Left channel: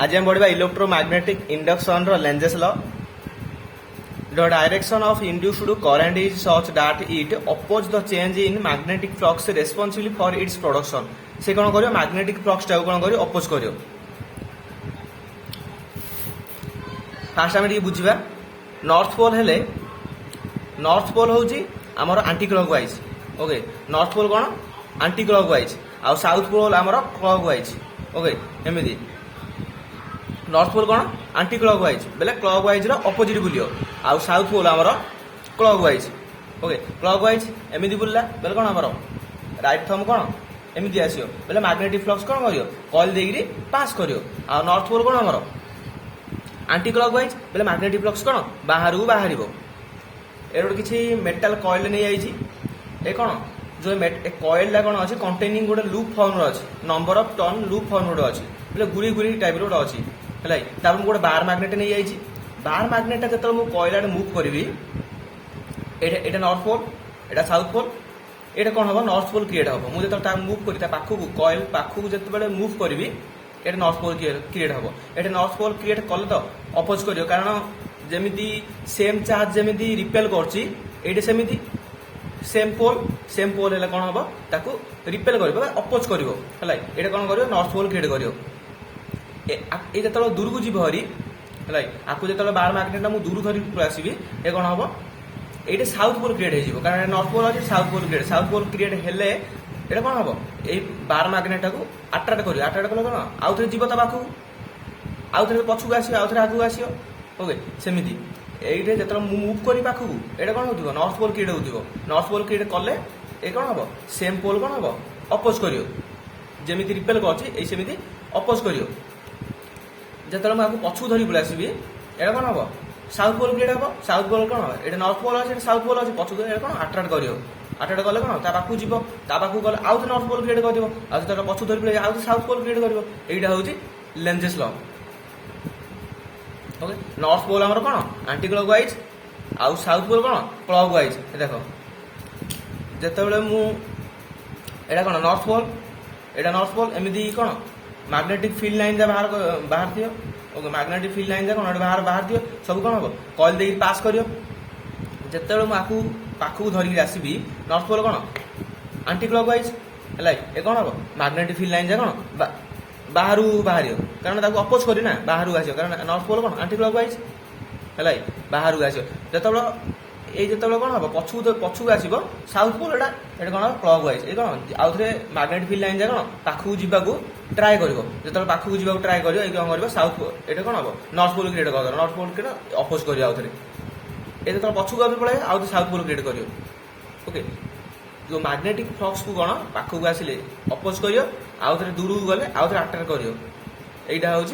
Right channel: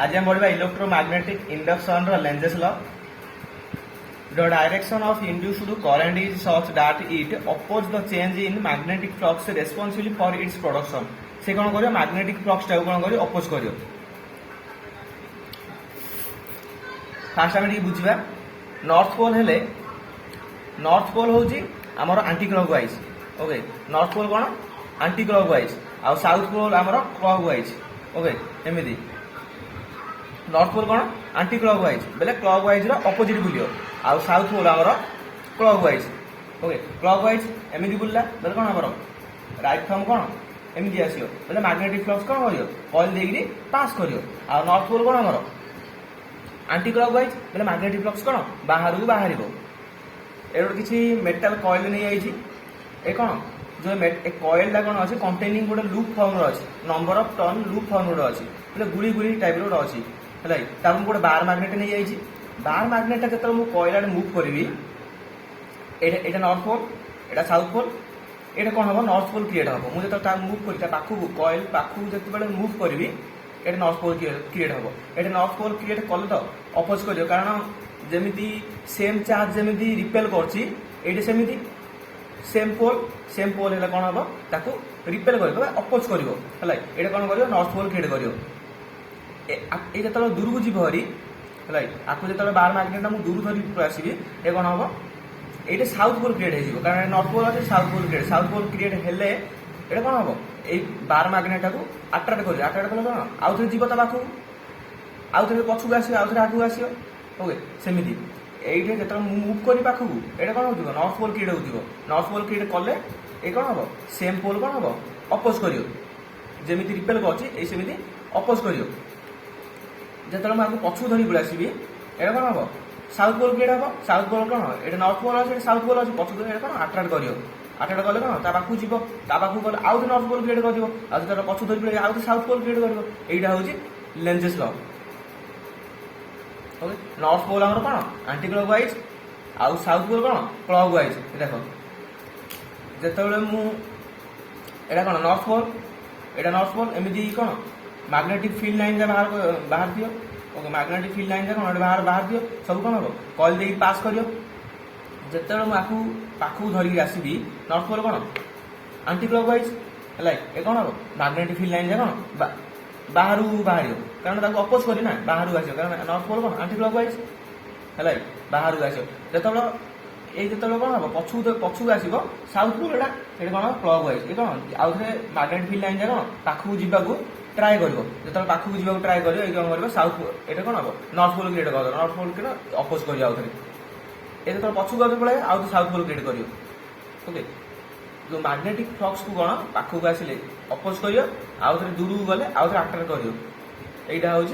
आज हम पढ़ा electromagnetic induction Lenz's law. The direction of induced current is such that it opposes the change in magnetic flux responsible for its production। से कौन करियो magnetic flux टाको कौन करियो अपोज करियो। फास्ट आम बुझा नॉर्थ पोल हेले नॉर्थ पोल हूँ आमर anticlockwise. Okay north pole कौन आंटी क्लॉकवाइज आ साउथ पोल आमर क्लॉकवाइज। ओके एमती नॉर्थ पोल कौन आंटी क्लॉकवाइज बेले क्लॉकवाइज रो अपोजिट बुलियो आ साउथ पोल आमर क्लॉकवाइज। ओके क्लॉकवाइज एमती बुलला बेले कौन आमर राइट थंब कौन एमती आसियो बेले मैग्नेटिक फ्लक्स कौन करियो कॉइल देकरी पास करियो आ नॉर्थ पोल कौन आमर आंटी क्लॉकवाइज बेले मैग्नेटिक फ्लक्स कौन बाहर को बाहर ए किसी मेटाल कॉइल नहीं आई ए कौन जो कॉइल कौन अच्छी कंटेनिंग गोटे लूप फॉर्म अच्छी number of turn loop form गोटे अच्छी बोले गुरी गुरी टाइप गोटे अच्छी है गोटे बार मैग्नेट नहीं आई बार मैग्नेट जो मुझे कॉइल आड़े मुव करी एटा नॉर्थ पोल एटा साउथ पोल एटा कौन हम नॉर्थ पोल क्रिएट हम मुझे जो मुव कर पाखक कॉइल पाखक जो मुव करी एटा नॉर्थ पोल क्रिएट हम एटा नॉर्थ पोल क्रिएट कले तो अपोज कर कारण जमी सेम चार्ज जमी रिपेल कर सेम पोल है कौन हम ताको रिपेल कर अपोज कर कौन कर नॉर्थ पोल क्रिएट कर जो दूर को जीव हरी है आपको जो बार मैग्नेट मुझे दूर धरिक आसवि ये कौन हम ये साउथ पोल क्रिएट हो कारण नॉर्थ पोल अच्छे साउथ पोल क्रिएट हेले ये कौन हम ये बार मैग्नेट को अट्राक्ट कर कल कौन आउ थे जीव पाखक आउ थे पछक आस आगे आस ओके सेमती ये जो मुव कर पाखक ये कौन हो नॉर्थ पोल क्रिएट हो नॉर्थ पोल क्रिएट कले ये कौन हम सेम पोल कौन हम अपोज कर जमी रिपेल करमती अपोज कर जो मुझे पछक धरी पड़े आसवि ये कौन हम साउथ पोल क्रिएट हम साउथ पोल कौन ये नॉर्थ पोल अच्छे साउथ पोल अच्छे पछक धरी कौन अट्राक्ट कर कले कौन पाखक जीव पाखक गले आउ नॉर्थ पोल क्रिएट कर पछक धरी पड़े आउ साउथ पोल क्रिएट कर यहाँ हूँ Lenz's law. Okay north pole आमर कौन आंटी क्लॉकवाइज आउ साउथ पोल कौन क्लॉकवाइज। देख जिते मुझे कौन नॉर्थ पोल एमती कौन मैग्नेटिक फील्ड लाइन बाहर दियो। ओके मैग्नेटिक फील्ड लाइन कौन बाहर दियो सब कौन हम कॉइल दे पास करियो जिते मुझे पाखक धरिक आसवि नॉर्थ पोल कौन आंटी क्लॉकवाइज है ये कौन हम मैग्नेटिक फील्ड लाइन कौन बाहर बाहर कारण अपोज करना बाहर आस कारण नॉर्थ पोल कौन आंटी क्लॉकवाइज है बाहर आस जो कौन हम पछक आसो साउथ पोल ये कौन क्लॉकवाइज ये कौन आउ थे मैग्नेटिक फील्ड लाइन कौन पाखक जावाक ट्राए कर जो पाखक जावाक ट्राए कर कौन साउथ पोल ये कौन हम नॉर्थ पोल क्रिएट कर नॉर्थ पोल क्रिएट अपोज कर आउ थे ये जो पछक आगे पड़े आउ साउथ पोल क्रिएट कर ओके जो मैग्नेटिक फ्लक्स को कौन पाखक आसिले अपोज कर आउ थे दूर को गले आउ थे अट्राक्ट कर यहाँ हूँ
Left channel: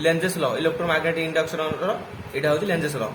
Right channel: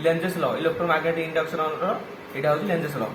लेंजेस लॉ इलेक्ट्रोमैग्नेटिक इंडक्शन यहाँ हूँ लेंजेस लॉ।